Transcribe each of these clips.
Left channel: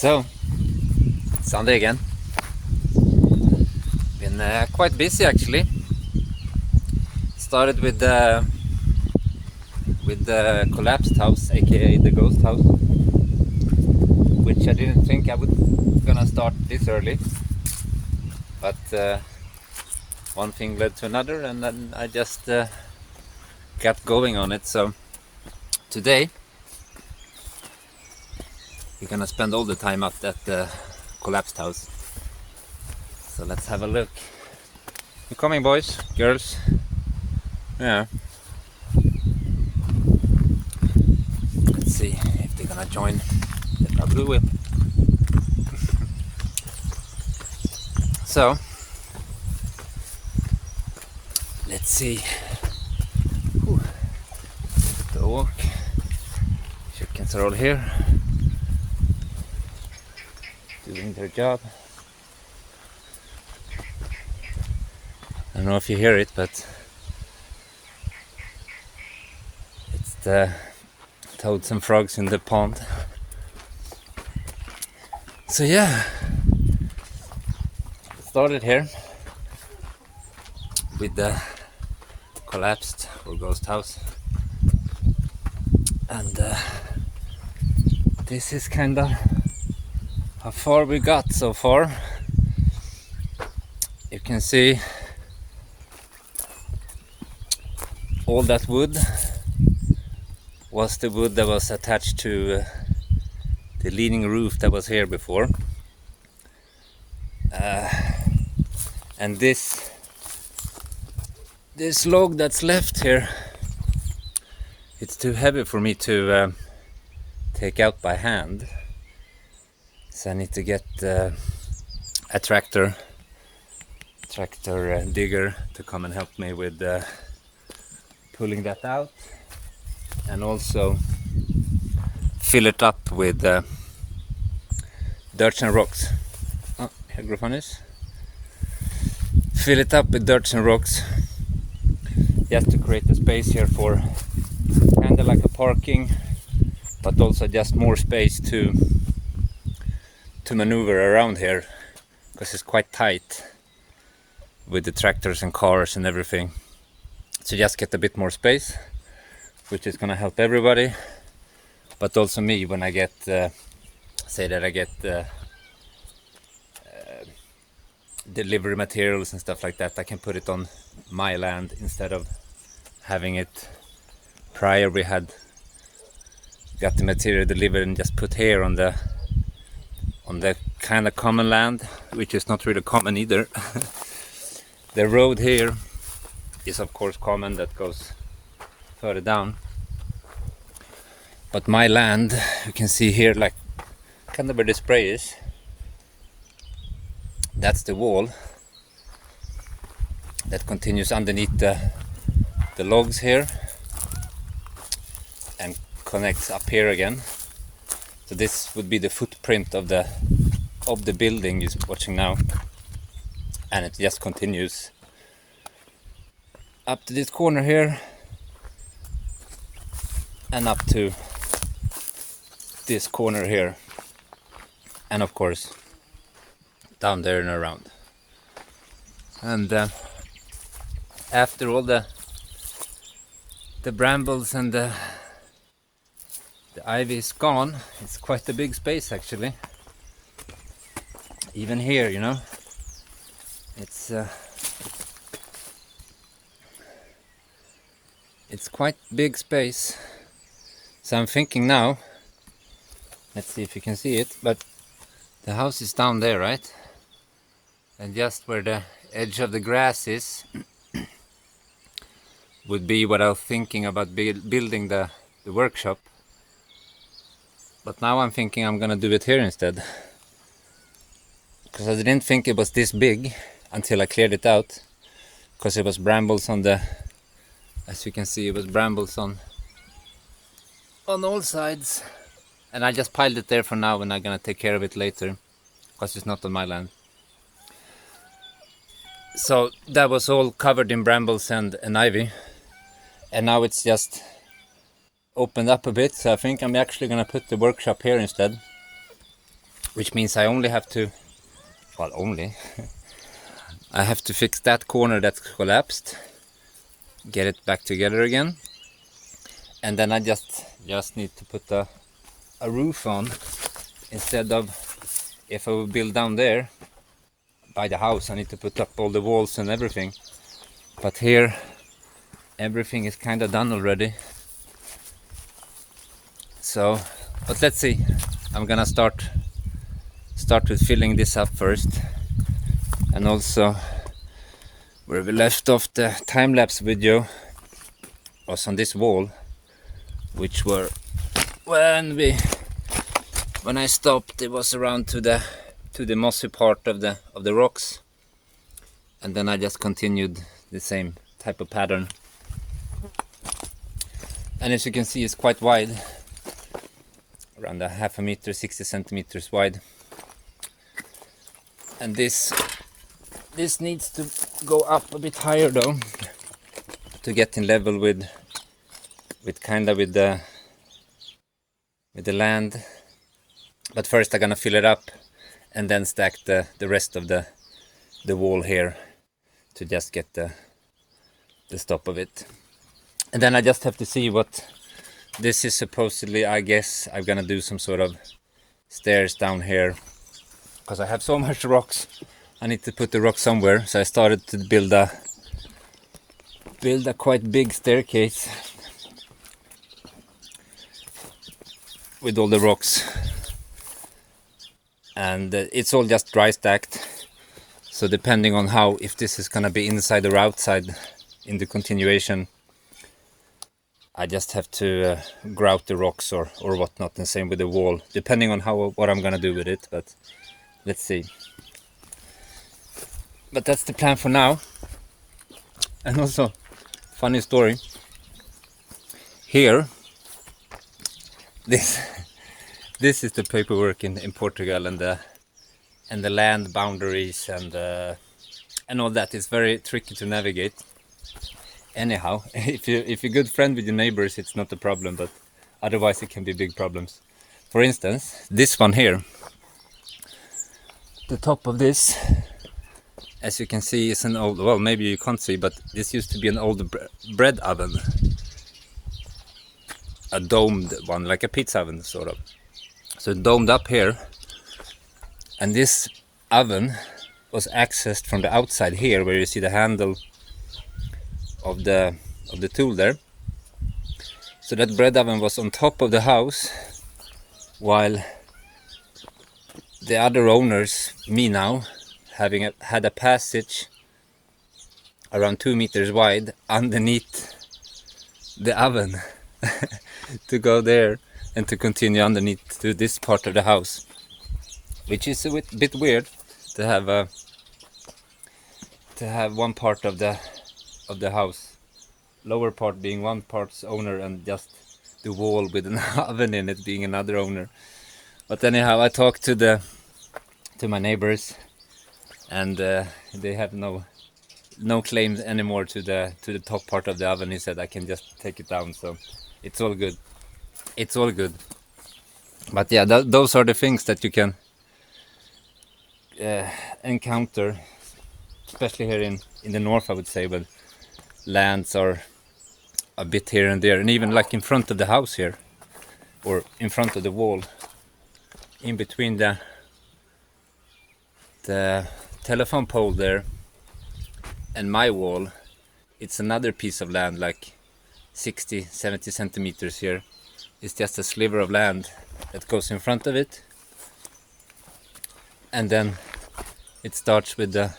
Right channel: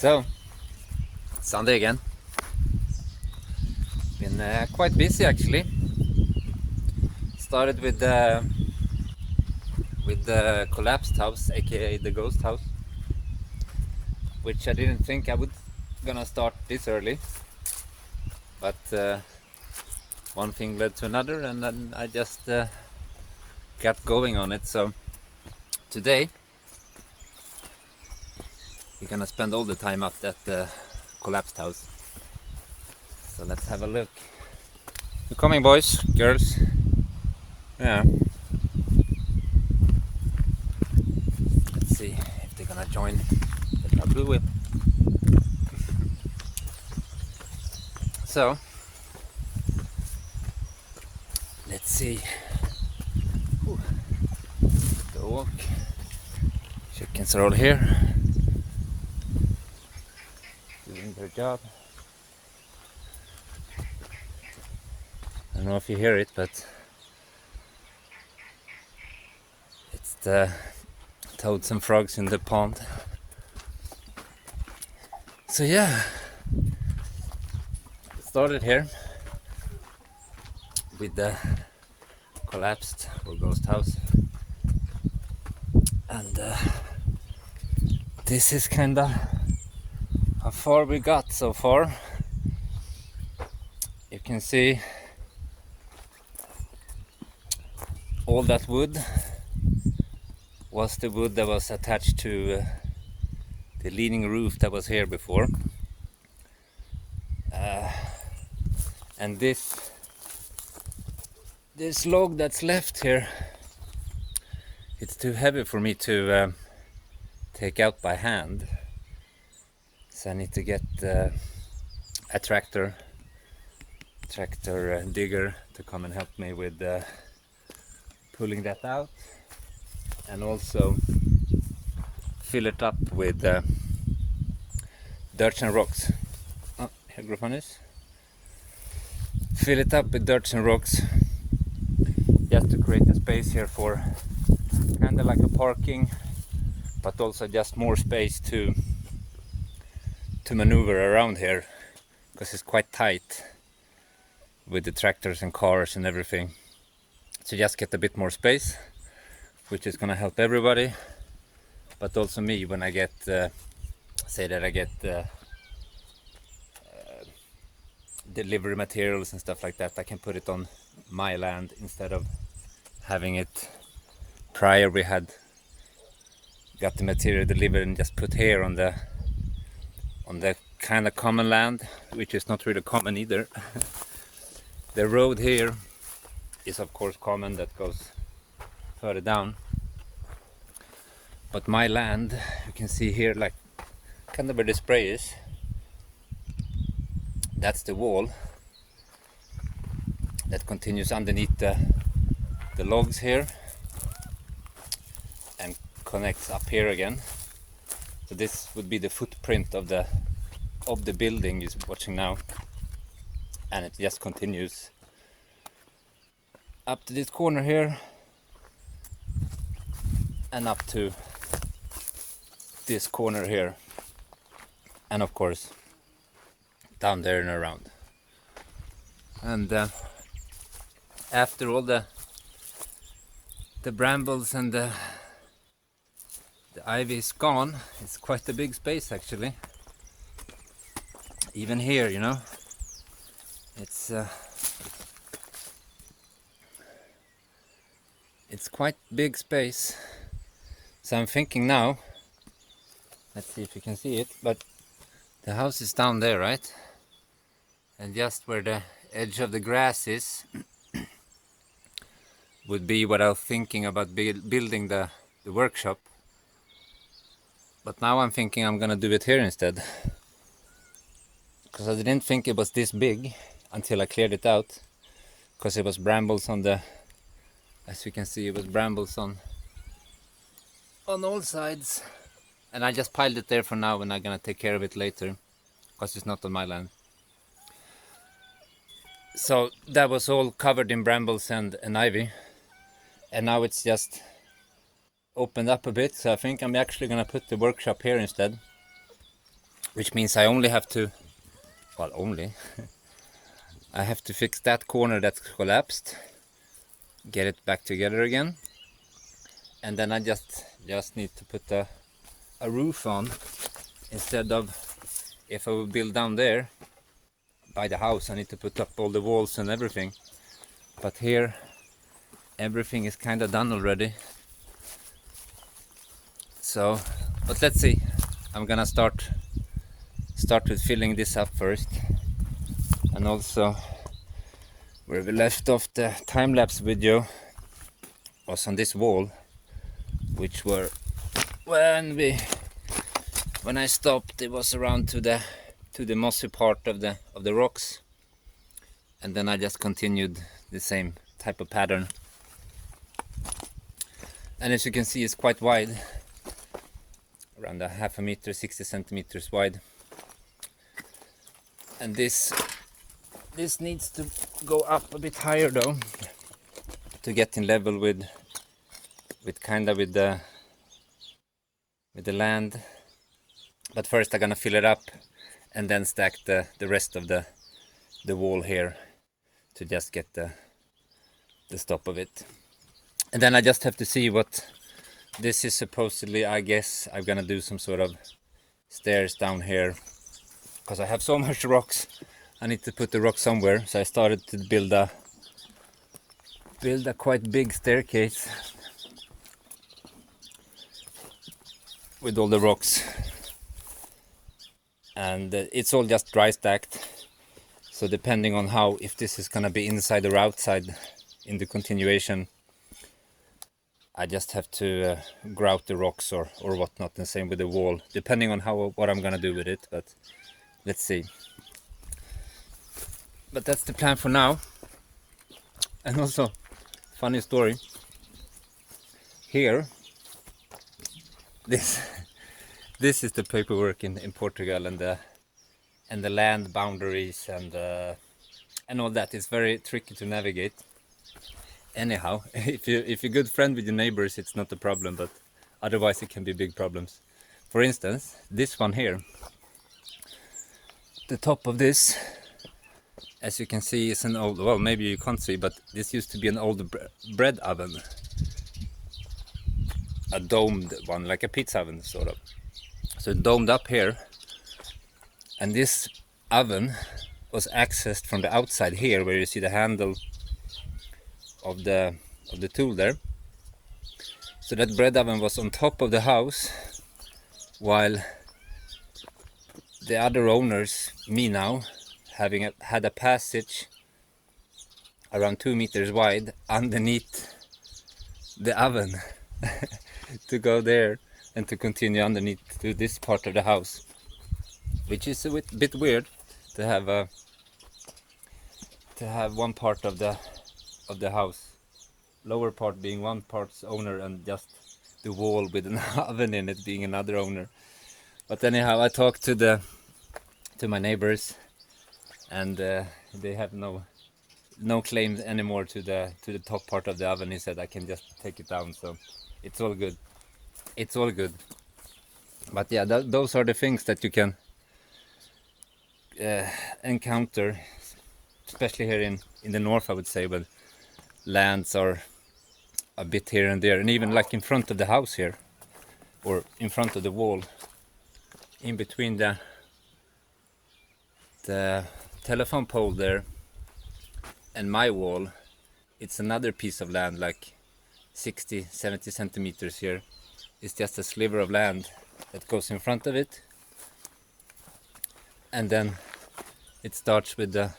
So, Sunday again. Been quite busy actually. Started with the collapsed house, aka the ghost house, which I didn't think I would gonna start this early, but one thing led to another, and then I just got going on it. So today we're gonna spend all the time up at the collapsed house. So let's have a look. You coming, boys, girls? Yeah. Let's see if they're gonna join. They probably will. So let's see. Whew. The walk. Chickens are all here, doing their job. I don't know if you hear it, but it's the toads and frogs in the pond. So yeah, started here with the collapsed or ghost house, and this is kinda how far we got so far. You can see all that wood was the wood that was attached to the leaning roof that was here before, and this log that's left here, it's too heavy for me to take out by hand, so I need to get a tractor digger to come and help me with pulling that out, and also fill it up with dirt and rocks. Oh, here Grofanis. Fill it up with dirt and rocks, just to create a space here for kind of like a parking, but also just more space to maneuver around here, because it's quite tight with the tractors and cars and everything. So just get a bit more space, which is gonna help everybody, but also me when I get say that I get delivery materials and stuff like that. I can put it on my land instead of having it prior. We had got the material delivered and just put here on the kind of common land, which is not really common either. The road here is of course common, that goes further down, but my land, you can see here, like kind of where the spray is, that's the wall that continues underneath the logs here and connects up here again. So this would be the footprint of the building you're watching now, and it just continues up to this corner here and up to this corner here, and of course down there and around. And after all the brambles and the ivy is gone, it's quite a big space actually. Even here, you know, it's quite big space. So I'm thinking now, let's see if you can see it, but the house is down there, right? And just where the edge of the grass is would be what I was thinking about building the workshop. But now I'm thinking I'm gonna do it here instead, because I didn't think it was this big until I cleared it out, because it was brambles on the, as you can see, it was brambles on all sides, and I just piled it there for now, and I'm gonna take care of it later because it's not on my land. So that was all covered in brambles and ivy, and now it's just opened up a bit, so I think I'm actually gonna put the workshop here instead, which means I only have to, well, I have to fix that corner that's collapsed, get it back together again, and then I just need to put a roof on instead of, if I would build down there by the house, I need to put up all the walls and everything. But here everything is kind of done already. So, but let's see. I'm gonna start with filling this up first, and also where we left off the time-lapse video was on this wall, which were when I stopped, it was around to the mossy part of the rocks, and then I just continued the same type of pattern. And as you can see, it's quite wide, around a half a meter, 60 centimeters wide. And this needs to go up a bit higher though, to get in level with the land. But first I'm gonna fill it up and then stack the rest of the wall here to just get the stop of it. And then I just have to see what this is supposedly. I guess I'm gonna do some sort of stairs down here, because I have so much rocks. I need to put the rock somewhere, so I started to build a quite big staircase with all the rocks, and it's all just dry stacked. So depending on if this is gonna be inside or outside in the continuation, I just have to grout the rocks or whatnot, and same with the wall, depending on what I'm gonna do with it. But let's see. But that's the plan for now. And also, funny story. Here, this is the paperwork in Portugal, and the land boundaries and all that. It's very tricky to navigate. Anyhow, if you're good friend with your neighbors, it's not a problem, but otherwise it can be big problems. For instance, this one here, the top of this, as you can see, is an old, well, maybe you can't see, but this used to be an old bread oven, a domed one, like a pizza oven sort of. So domed up here, and this oven was accessed from the outside here, where you see the handle of the tool there. So that bread oven was on top of the house, while the other owners, me now, had a passage around 2 meters wide underneath the oven to go there and to continue underneath to this part of the house, which is a bit weird to have one part of the house, lower part being one part's owner, and just the wall with an oven in it being another owner. But anyhow, I talked to my neighbors, and they have no claims anymore to the top part of the oven. He said I can just take it down, so it's all good. It's all good. But yeah, those are the things that you can encounter, especially here in the north, I would say, when lands are a bit here and there, and even like in front of the house here, or in front of the wall, in between the telephone pole there and my wall, it's another piece of land, like 60-70 centimeters here. It's just a sliver of land that goes in front of it, and then it starts with the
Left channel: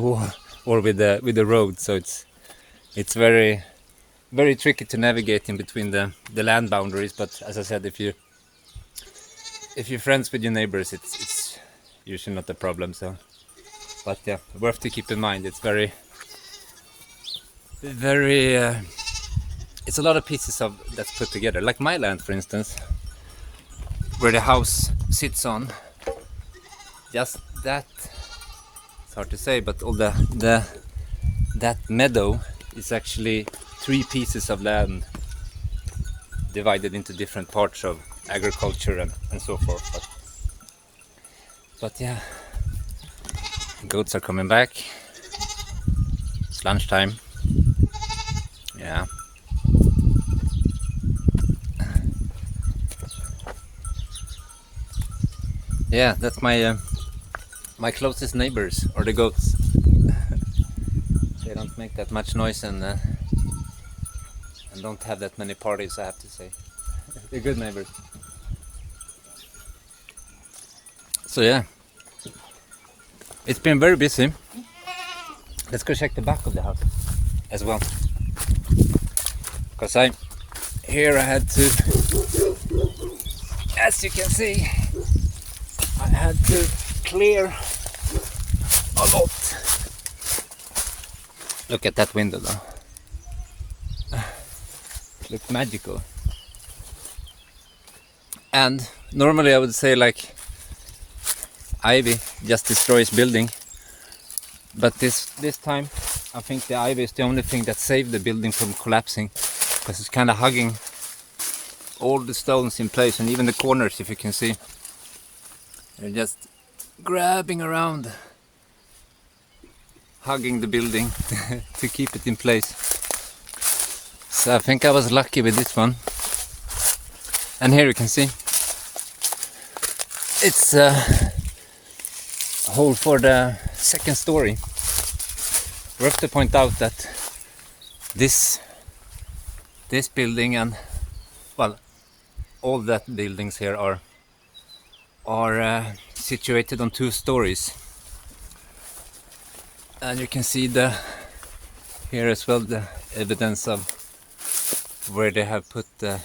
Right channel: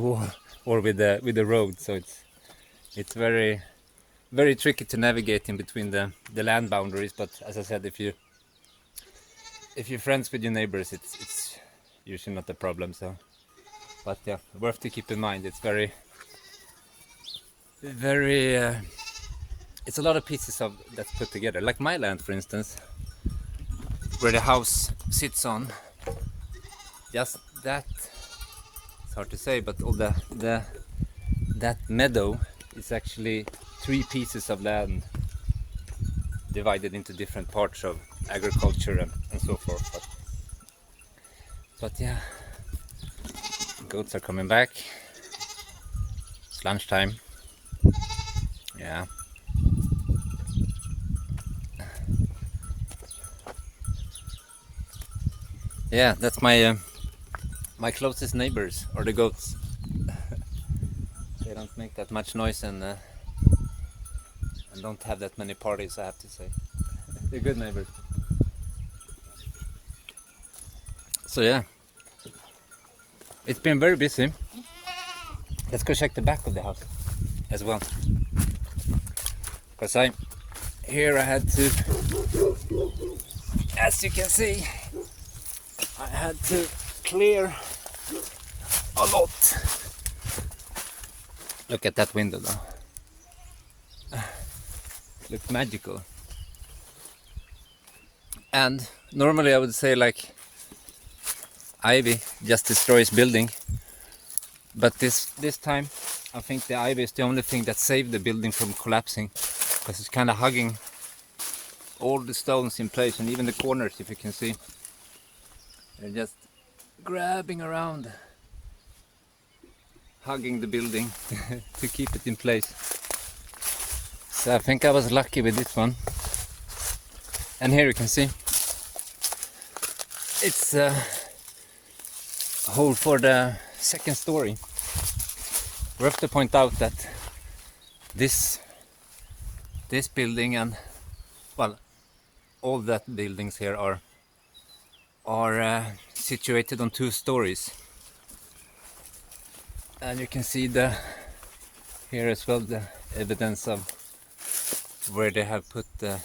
wall or with the road. So it's very, very tricky to navigate in between the land boundaries. But as I said, if you're friends with your neighbors, it's usually not a problem. So, but yeah, worth to keep in mind. It's very it's a lot of pieces that's put together. Like my land, for instance, where the house sits on, just that, it's hard to say, but all that meadow is actually 3 pieces of land divided into different parts of agriculture and so forth. But But yeah, goats are coming back. It's lunchtime. Yeah. Yeah, that's my my closest neighbors are the goats. They don't make that much noise and don't have that many parties, I have to say. They're good neighbors. So yeah, it's been very busy. Let's go check the back of the house as well. Because here I had to, as you can see, I had to clear a lot. Look at that window though. Looks magical. And normally I would say like ivy just destroys building, but this time I think the ivy is the only thing that saved the building from collapsing, because it's kind of hugging all the stones in place, and even the corners, if you can see, they're just grabbing around, hugging the building to keep it in place. So I think I was lucky with this one. And here you can see it's a hole for the second story. We have to point out that this building and, well, all that buildings here are situated on 2 stories, and you can see here as well the evidence of where they have put the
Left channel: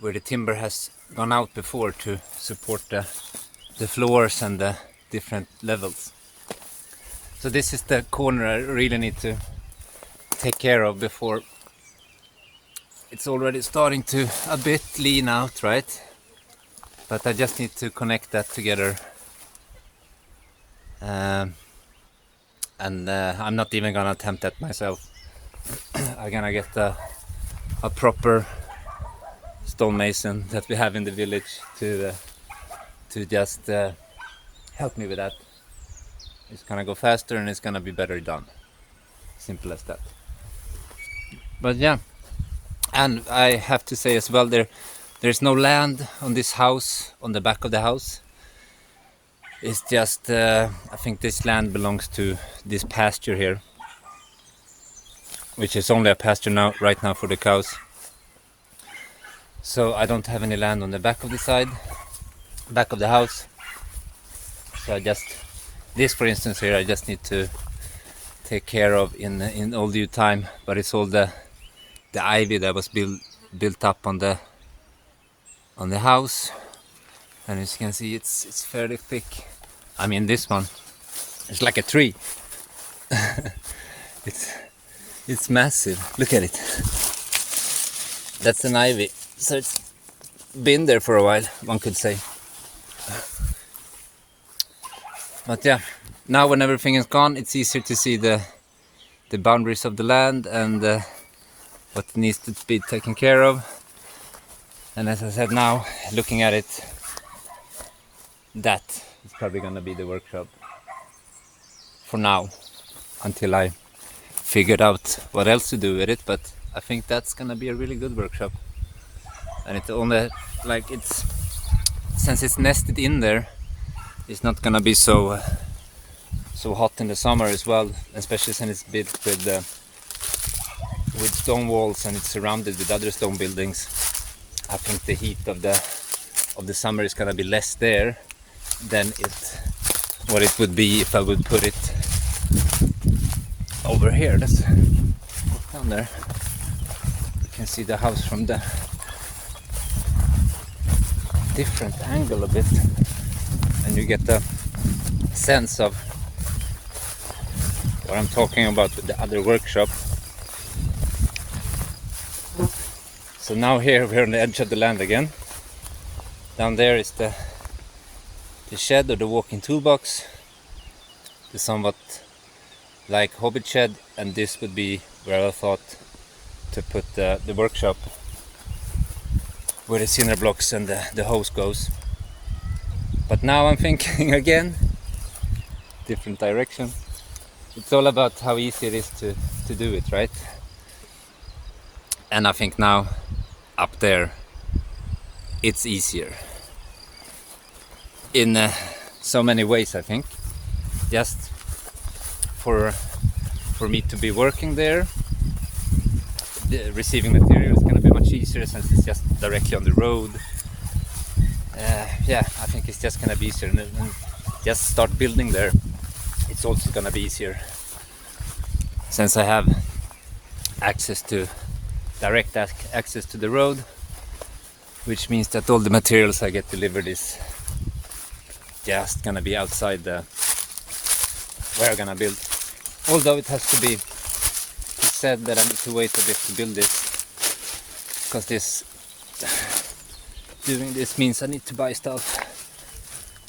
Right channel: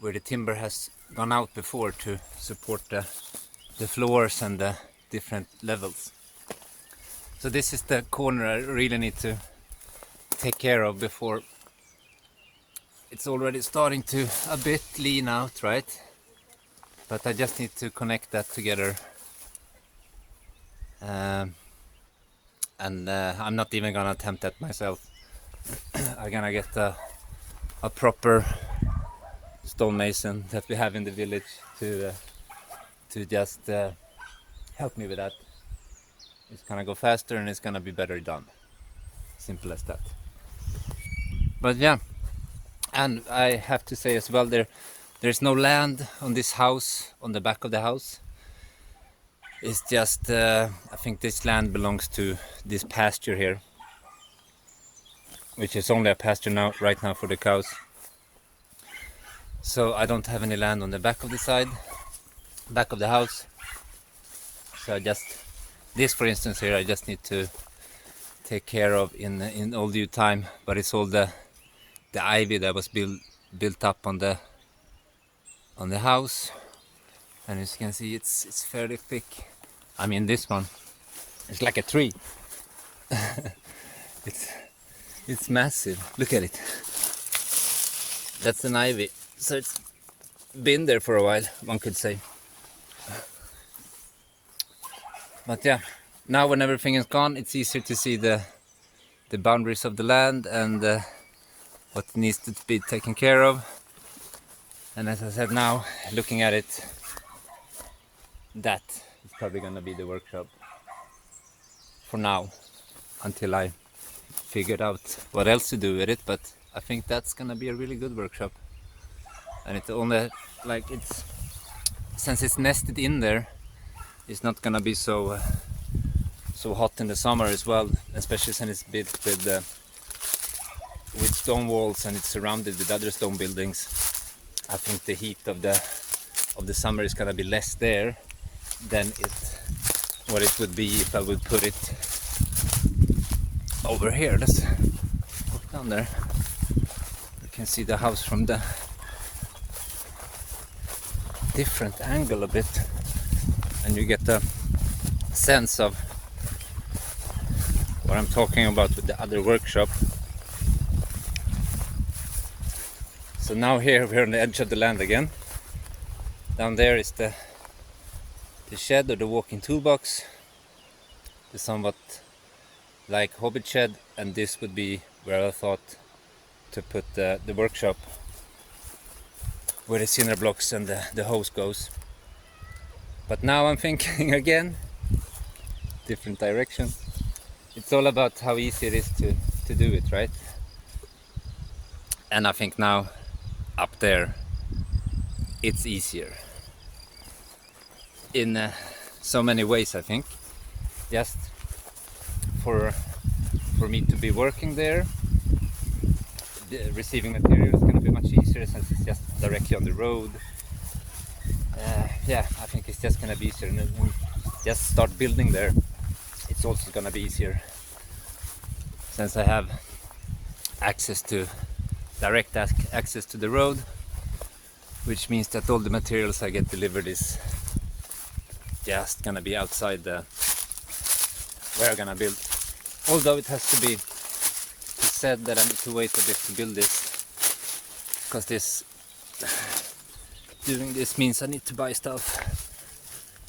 where the timber has gone out before to support the floors and the different levels. So this is the corner I really need to take care of before it's already starting to a bit lean out, right? But I just need to connect that together. And I'm not even gonna attempt that myself. I'm gonna get a proper stonemason that we have in the village to just help me with that. It's gonna go faster and it's gonna be better done. Simple as that. But yeah, and I have to say as well, there's no land on this house, on the back of the house. It's just I think this land belongs to this pasture here, which is only a pasture now, right now, for the cows. So I don't have any land on the back of the house. So this for instance here, I just need to take care of in all due time. But it's all the ivy that was built up on the house, and as you can see, it's fairly thick. I mean, this one, it's like a tree. It's massive. Look at it. That's an ivy. So it's been there for a while, one could say. But yeah, now when everything is gone, it's easier to see the boundaries of the land and what needs to be taken care of. And as I said, now looking at it, that is probably gonna be the workshop for now, until I figured out what else to do with it. But I think that's gonna be a really good workshop. And it's only like since it's nested in there, it's not gonna be so hot in the summer as well, especially since it's built with stone walls and it's surrounded with other stone buildings. I think the heat of the summer is gonna be less there than what it would be if I would put it over here. Let's walk down there. You can see the house from the different angle a bit, and you get the sense of what I'm talking about with the other workshop. So now here we're on the edge of the land again. Down there is the shed or the walk-in toolbox, the somewhat like hobbit shed, and this would be where I thought to put the workshop. where the cinder blocks and the hose goes. But now I'm thinking again, different direction. It's all about how easy it is to do it, right? And I think now up there it's easier in so many ways. I think just for me to be working there, receiving material is going to be much easier since it's just directly on the road. Yeah, I think it's just going to be easier, and just start building there. It's also going to be easier since I have direct access to the road, which means that all the materials I get delivered is just gonna be outside where I'm gonna build. Although it has to be said that I need to wait a bit to build this, because doing this means I need to buy stuff,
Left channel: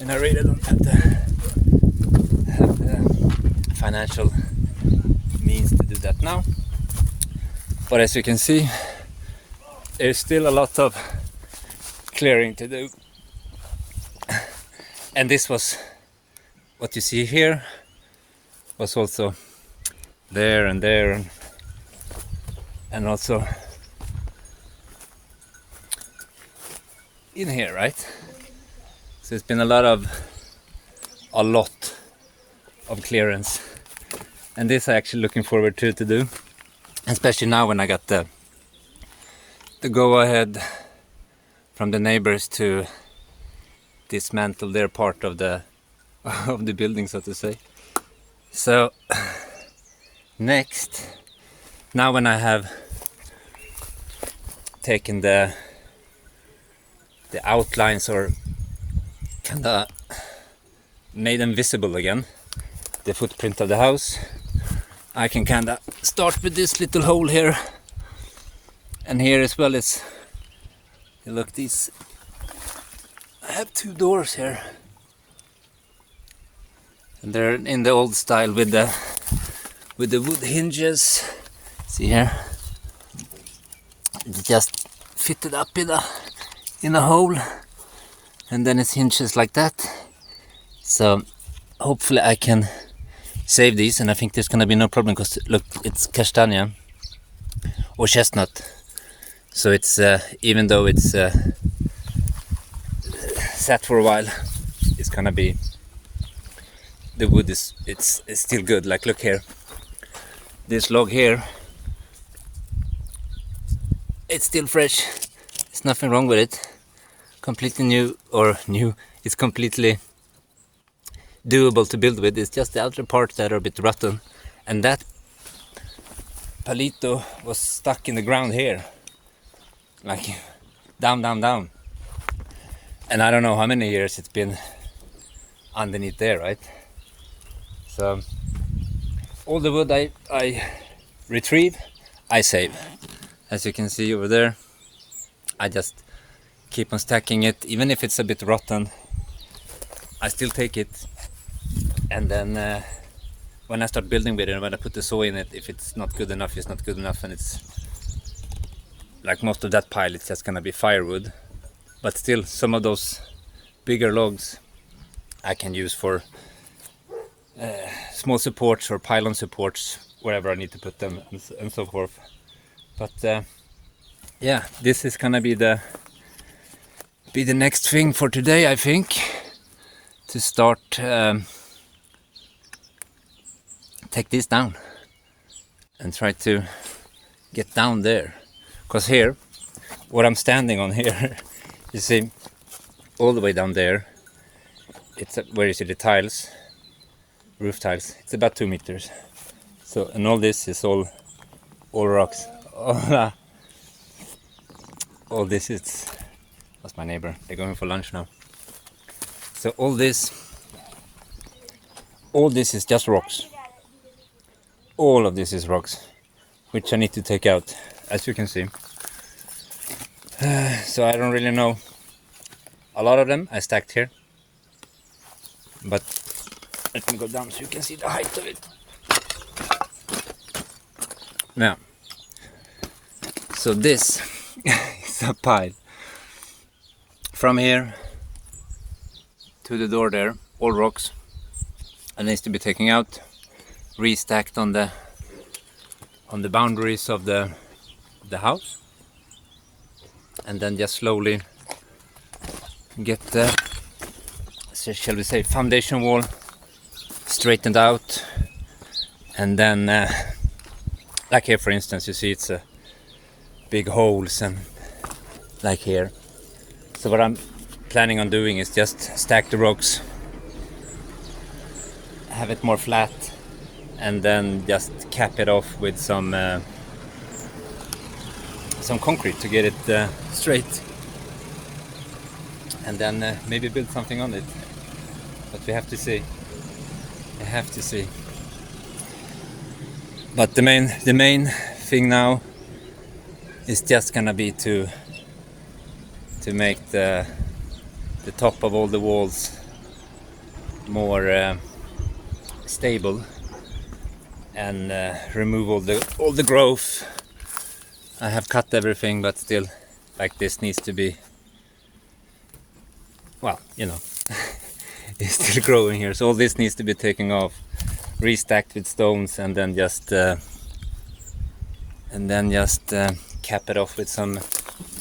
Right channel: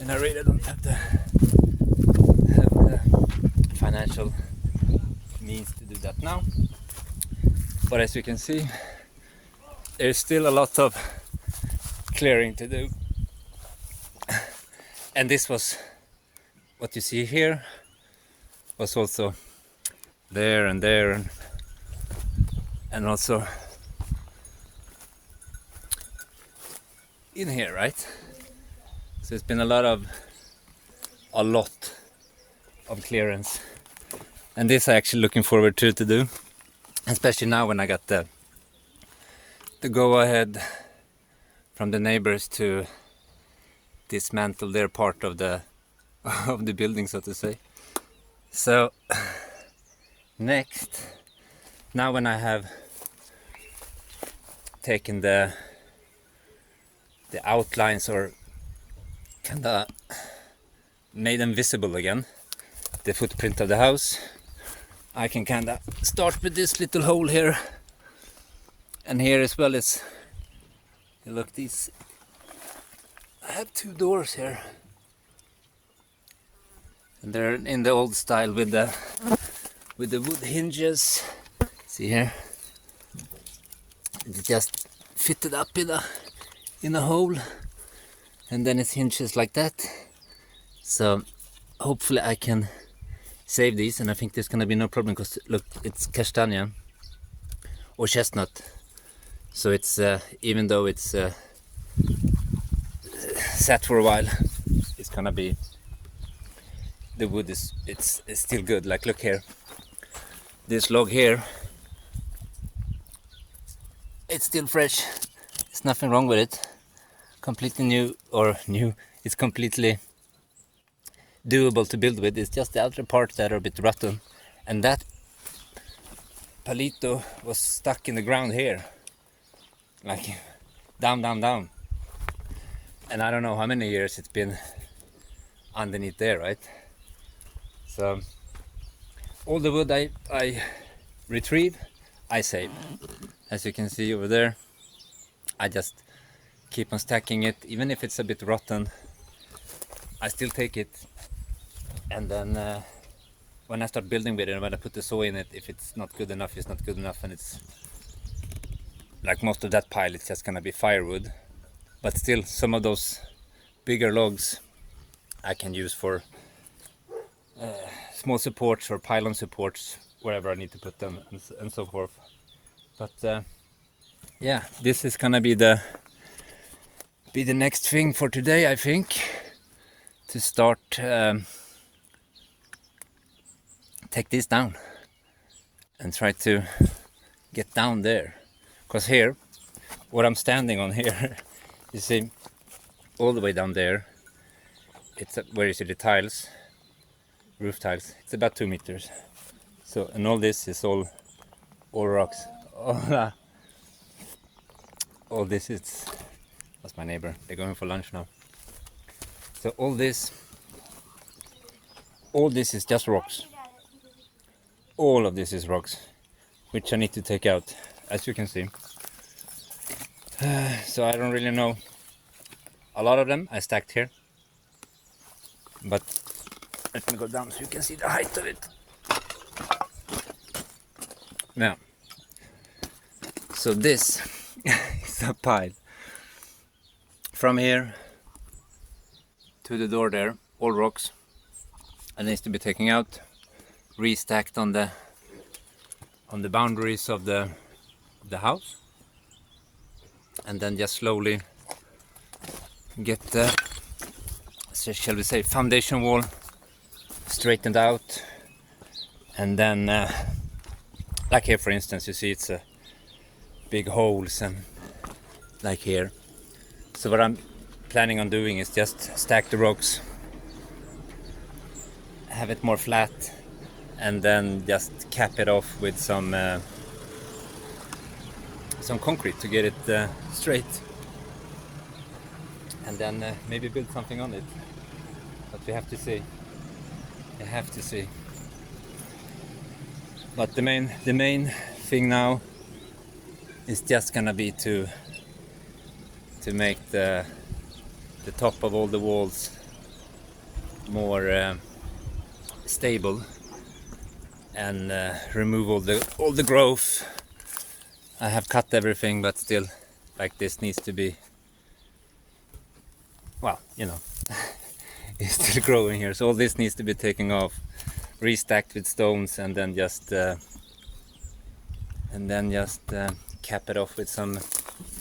and I really don't have the financial means to do that now. But as you can see, there's still a lot of clearing to do. And this was what you see here, was also there and there, and also in here, right? So it's been a lot of clearance, and this I'm actually looking forward to do, especially now when I got the go ahead from the neighbors to dismantle their part of the building, so to say. So next, now when I have taken the outlines, or kinda made them visible again, the footprint of the house, I can kinda start with this little hole here, and here as well. Is look, these, I have 2 doors here, and they're in the old style with the wood hinges. See here, it's just fitted up in a hole, and then it's hinges like that. So hopefully I can save these, and I think there's gonna be no problem, because look, it's castanea or chestnut, so it's even though it's sat for a while, it's gonna be, the wood is it's still good. Like, look here, this log here, it's still fresh, there's nothing wrong with it, completely new, it's completely doable to build with. It's just the outer parts that are a bit rotten, and that palito was stuck in the ground here, like down, and I don't know how many years it's been underneath there, right? So all the wood I retrieve, I save. As you can see over there, I just keep on stacking it, even if it's a bit rotten, I still take it. And then when I start building with it, when I put the saw in it, if it's not good enough, it's not good enough, and it's like most of that pile, it's just gonna be firewood. But still, some of those bigger logs I can use for small supports or pylon supports, wherever I need to put them, and so forth. But yeah, this is gonna be the next thing for today, I think, to start take this down and try to get down there, because here, what I'm standing on here, you see, all the way down there, it's where you see the tiles, roof tiles, it's about 2 meters. So, and all this is all rocks. All this is, that's my neighbor, they're going for lunch now. So all this is just rocks. All of this is rocks, which I need to take out, as you can see. So I don't really know. A lot of them I stacked here, but let me go down so you can see the height of it. Yeah. So this is a pile from here to the door there, all rocks, and needs to be taken out, restacked on the boundaries of the house, and then just slowly get the, shall we say, foundation wall straightened out. And then like here for instance, you see it's big holes, and like here. So what I'm planning on doing is just stack the rocks, have it more flat, and then just cap it off with some concrete to get it straight, and then maybe build something on it. But we have to see. We have to see. But the main thing now is just gonna be to make the top of all the walls more stable, and remove all the growth. I have cut everything, but still, like, this needs to be, well, you know, it's still growing here, so all this needs to be taken off, restacked with stones, and then just cap it off with some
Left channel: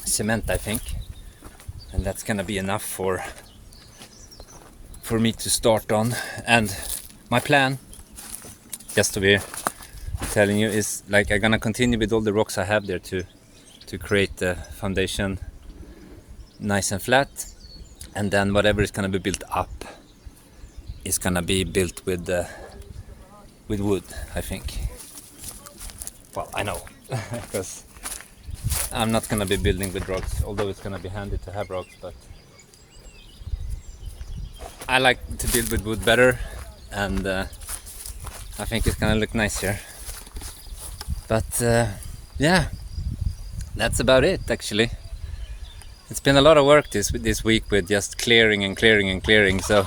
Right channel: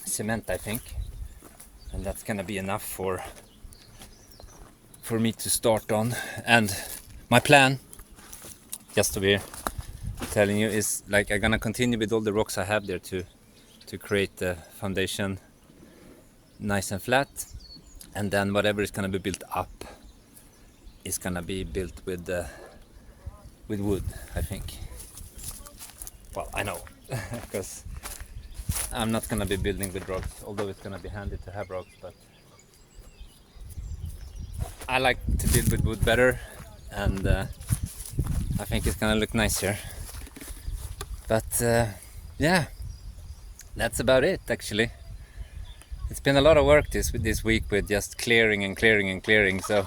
cement, I think, and that's gonna be enough for me to start on. And my plan, just to be telling you, is like I'm gonna continue with all the rocks I have there to create the foundation nice and flat, and then whatever is gonna be built up is gonna be built with wood, I think. Well, I know, because I'm not gonna be building with rocks, although it's gonna be handy to have rocks, but I like to build with wood better, and I think it's gonna look nicer. But yeah, that's about it actually. It's been a lot of work this week with just clearing and clearing and clearing. So,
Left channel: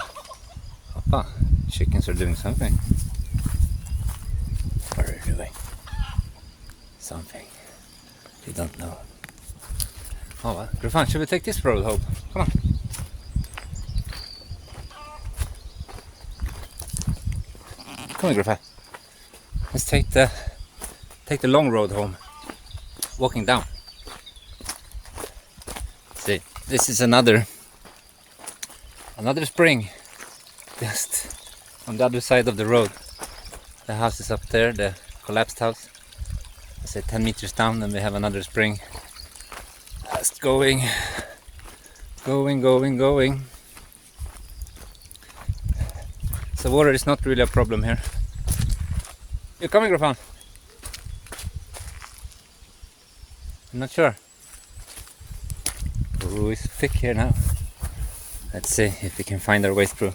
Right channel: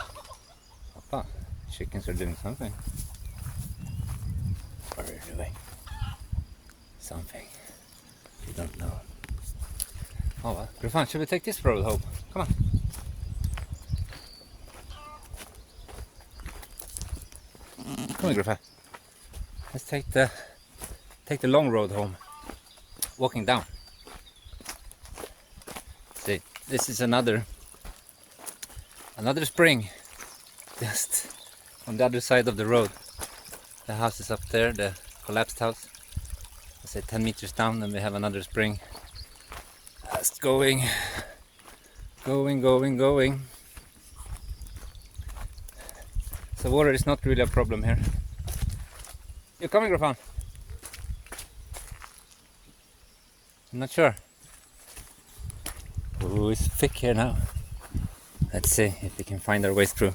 chickens are doing something. What are they doing? Something. They don't know. Oh well, Grafan, should we take this road home? Come on. Come on, Grafan. Let's take the long road home, walking down. See, this is another spring, just on the other side of the road. The house is up there, the collapsed house. I say 10 meters down, and we have another spring. Just going. So water is not really a problem here. You coming, Grafan? I'm not sure. Oh, it's thick here now. Let's see if we can find our way through.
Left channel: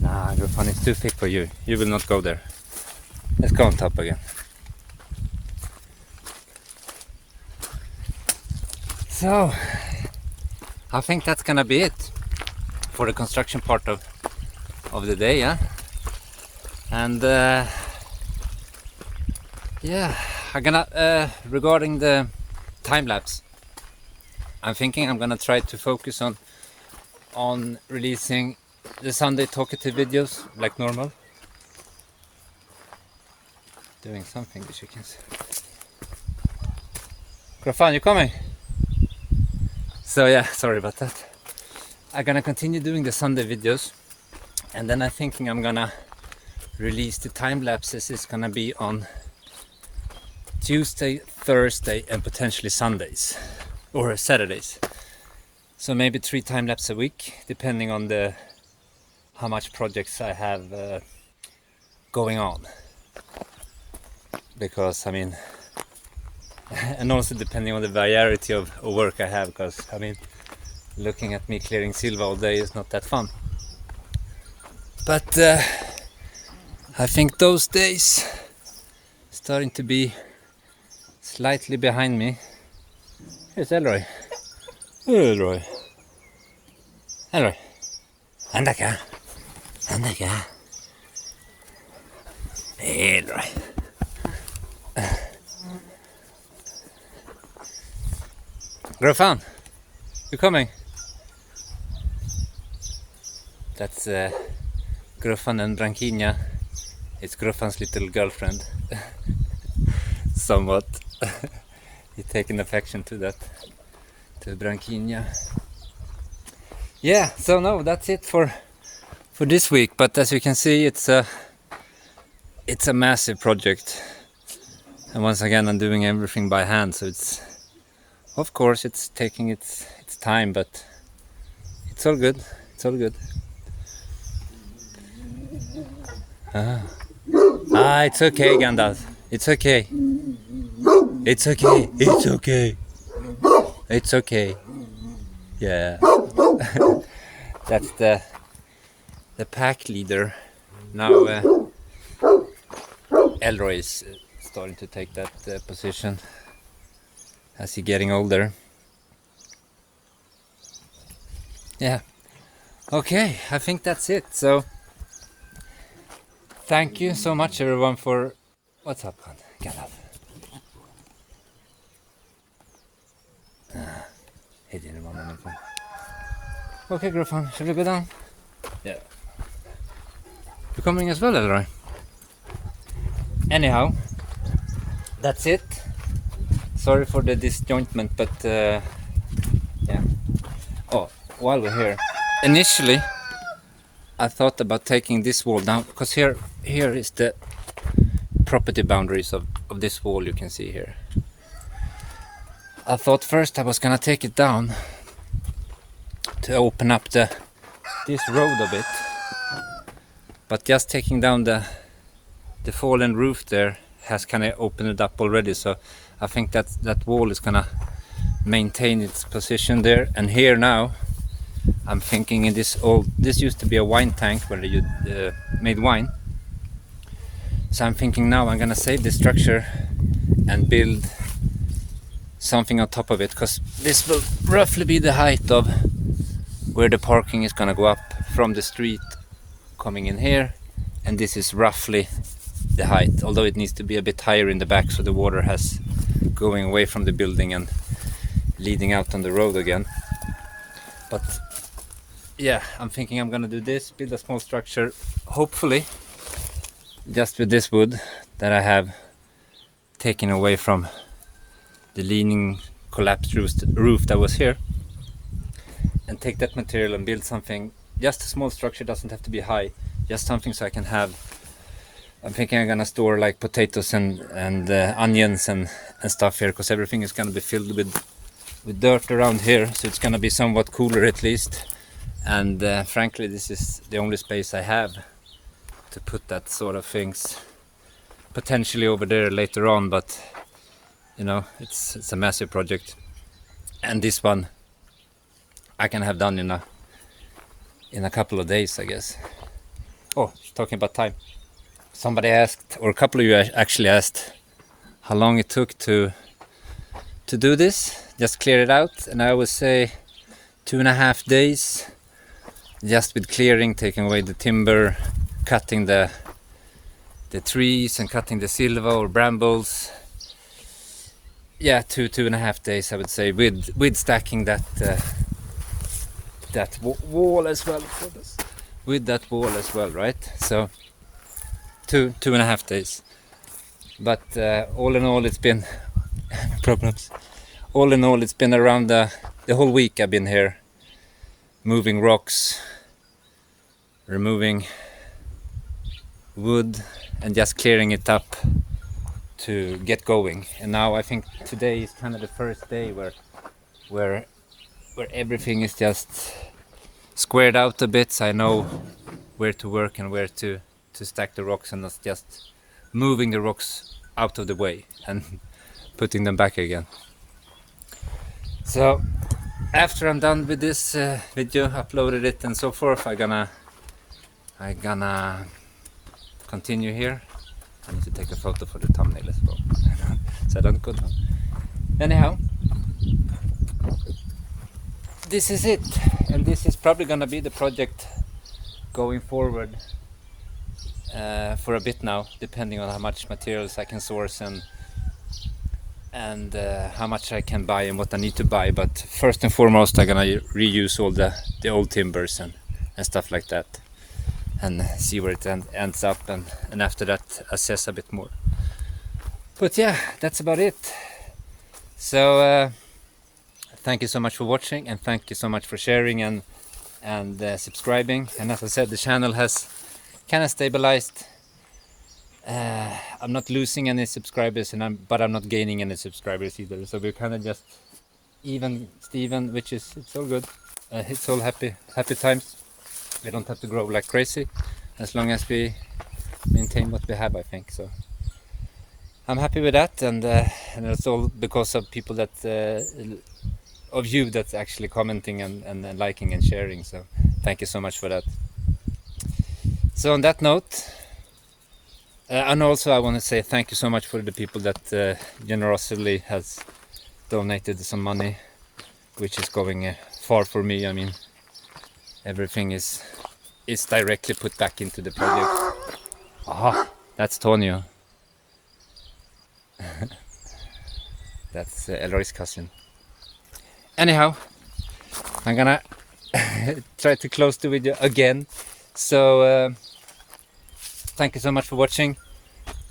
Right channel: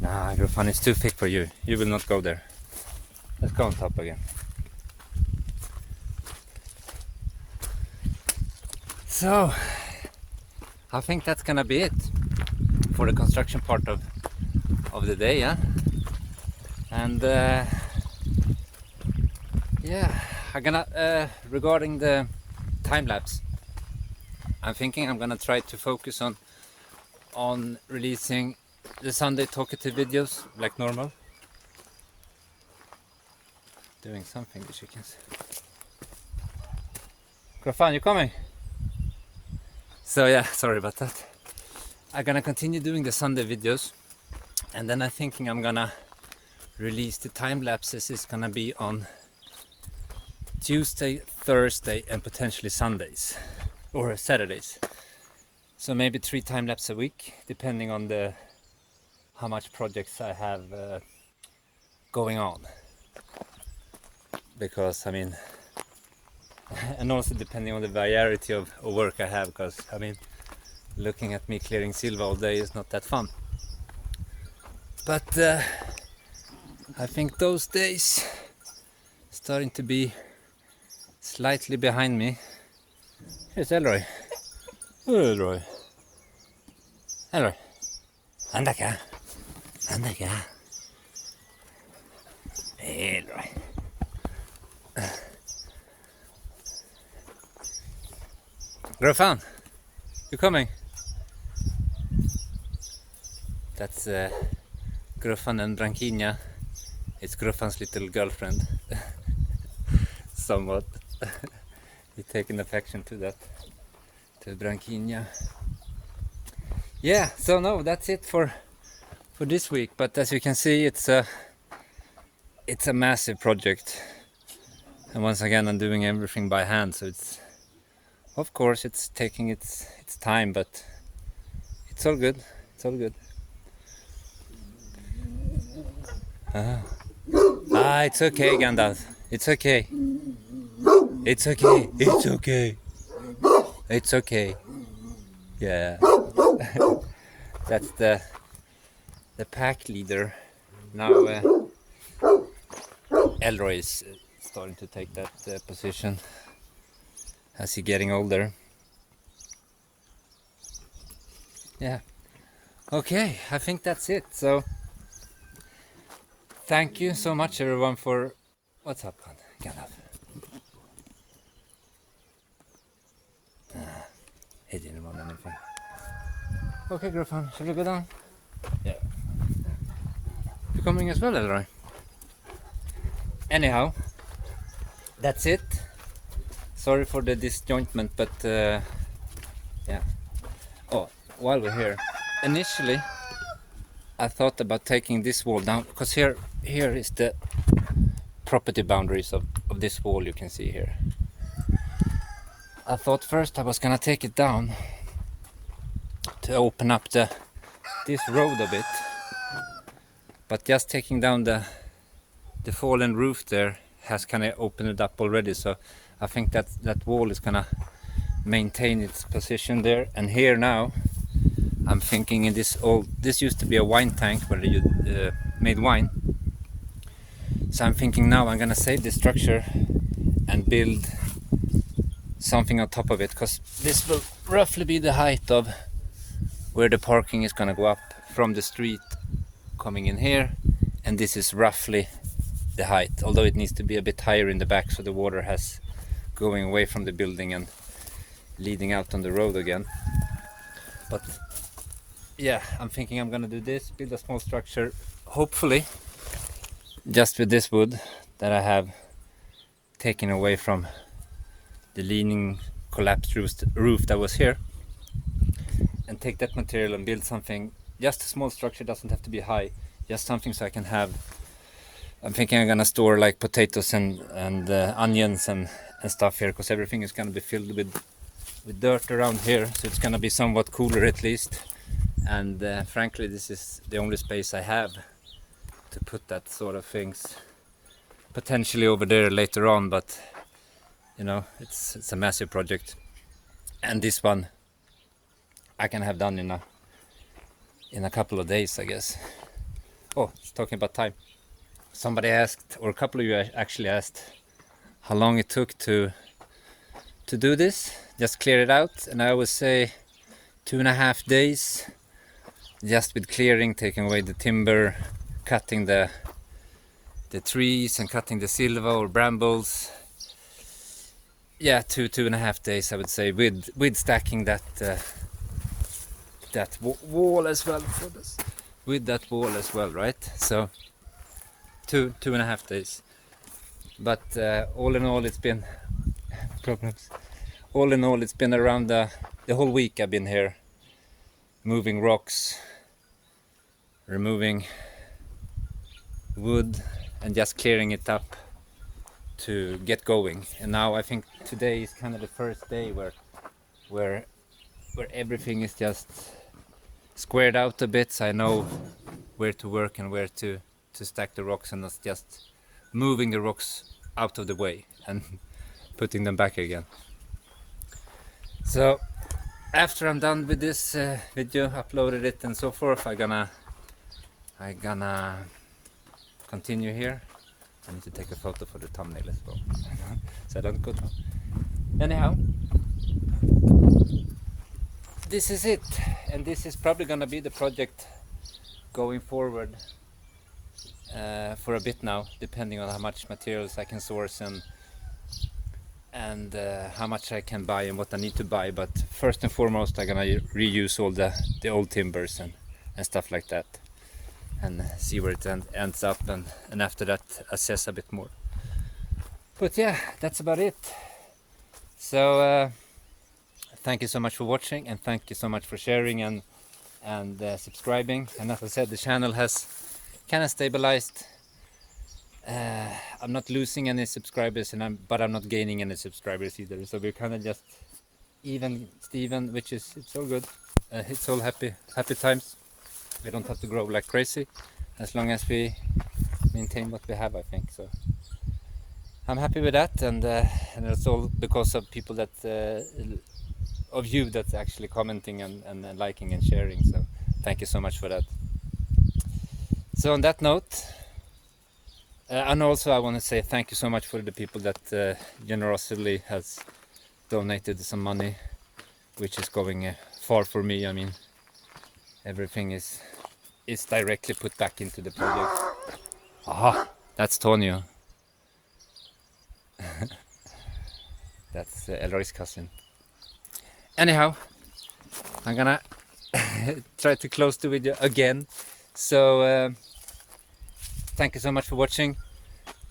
Nah, Grafan, it's too thick for you. You will not go there. Let's go on top again. So, I think that's gonna be it for the construction part of the day, yeah? And yeah, I'm gonna regarding the time lapse, I'm thinking I'm gonna try to focus on releasing the Sunday talkative videos like normal. Doing something, the chickens. Grafan, you coming? So yeah, sorry about that. I'm gonna continue doing the Sunday videos, and then I'm thinking I'm gonna release the time lapses. It's gonna be on Tuesday, Thursday, and potentially Sundays or Saturdays. So maybe 3 time lapse a week, depending on how much projects I have going on. Because I mean, and also depending on the variety of work I have, because I mean, looking at me clearing silver all day is not that fun. But I think those days starting to be slightly behind me. Here's Elroy. Elroy. Elroy. Anda acá. Anda acá. Elroy. Grofan, you coming? That's Grofan and Branquinha. It's Grofan's little girlfriend. Somewhat. He's taking affection to that, to Branquinha. Yeah, so no, that's it for this week. But as you can see, it's a massive project. And once again, I'm doing everything by hand, so it's, of course, it's taking its time, but it's all good. It's all good. It's okay, Gandalf. It's okay. It's okay. It's okay. It's okay. Yeah. That's the pack leader. Now Elroy is starting to take that position as he's getting older. Yeah. Okay, I think that's it. So thank you so much, everyone, for... What's up, hon? Get up. Hey, didn't want anything. Okay, Grofan, should we go down? Yeah. You coming as well, Elroy? Anyhow, that's it. Sorry for the disjointment, but yeah. Oh, while we're here, initially I thought about taking this wall down, because here is the property boundaries of this wall you can see here. I thought first I was gonna take it down to open up this road a bit, but just taking down the fallen roof there has kind of opened it up already, so I think that wall is gonna maintain its position there. And here now I'm thinking, in this used to be a wine tank where you made wine, so I'm thinking now I'm gonna save this structure and build something on top of it, because this will roughly be the height of where the parking is gonna go up from the street coming in here, and this is roughly the height, although it needs to be a bit higher in the back so the water has going away from the building and leading out on the road again. But yeah, I'm thinking I'm gonna do this, build a small structure, hopefully just with this wood that I have taken away from the leaning collapsed roof that was here, and take that material and build something, just a small structure, doesn't have to be high, just something so I can have, I'm thinking I'm gonna store like potatoes and onions and stuff here, because everything is gonna be filled with dirt around here, so it's gonna be somewhat cooler at least. And frankly, this is the only space I have to put that sort of things, potentially over there later on, but you know, it's a massive project, and this one I can have done in a couple of days, I guess. Oh, talking about time, somebody asked, or a couple of you actually asked, how long it took to do this, just clear it out, and I would say 2.5 days, just with clearing, taking away the timber, cutting the trees and cutting the silva or brambles. Yeah, 2.5 days I would say, with stacking that wall as well, with that wall as well, right? So 2.5 days. But all in all, it's been problems. All in all, it's been around the whole week I've been here, moving rocks, removing wood, and just clearing it up to get going. And now I think today is kind of the first day where everything is just squared out a bit, so I know where to work and where to stack the rocks, and not just moving the rocks out of the way and putting them back again. So after I'm done with this video, uploaded it and so forth, I gonna continue here. I need to take a photo for the thumbnail as well, so I don't go down. Anyhow, this is it, and this is probably gonna be the project going forward for a bit now, depending on how much materials I can source and how much I can buy and what I need to buy. But first and foremost, I'm gonna reuse all the old timbers and stuff like that, and see where it ends up, and after that assess a bit more. But yeah, that's about it. So thank you so much for watching, and thank you so much for sharing and subscribing. And as I said, the channel has kind of stabilized. I'm not losing any subscribers, but I'm not gaining any subscribers either. So we're kind of just even Steven, which is, it's all good. It's all happy times. We don't have to grow like crazy as long as we maintain what we have, I think. So I'm happy with that, and it's all because of people that of you that's actually commenting and liking and sharing. So thank you so much for that. So on that note, and also I want to say thank you so much for the people that generously has donated some money, which is going far for me. I mean, everything is directly put back into the project. Aha, that's Tonio. That's Eloy's cousin. Anyhow, I'm gonna try to close the video again. So thank you so much for watching,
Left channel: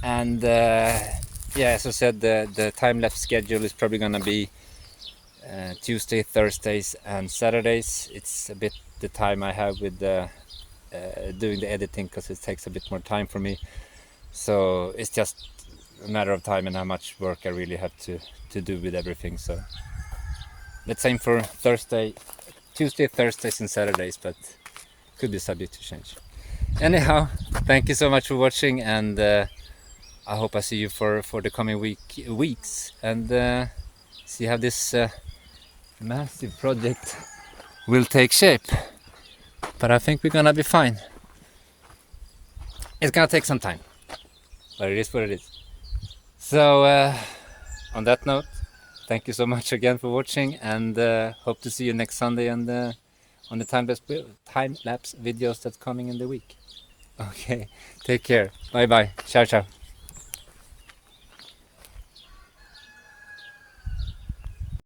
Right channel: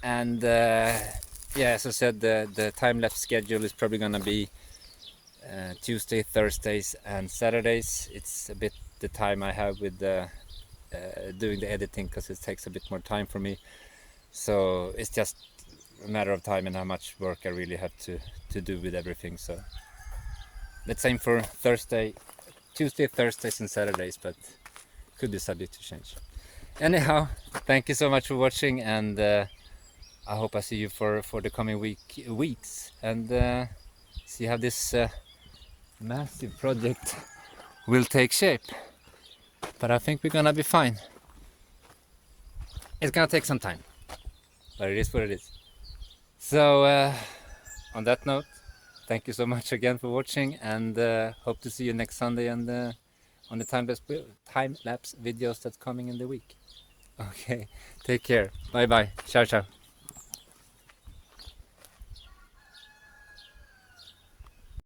and yeah, as I said, the time-lapse schedule is probably gonna be Tuesday, Thursdays and Saturdays. It's a bit the time I have with doing the editing, because it takes a bit more time for me. So it's just a matter of time and how much work I really have to do with everything. So the same for Tuesday, Thursdays and Saturdays, but could be subject to change. Anyhow, thank you so much for watching, and I hope I see you for the coming weeks, and see how this massive project will take shape. But I think we're gonna be fine. It's gonna take some time, but it is what it is. So on that note, thank you so much again for watching, and hope to see you next Sunday and on the time-lapse videos that's coming in the week. Okay, take care. Bye bye. Ciao ciao.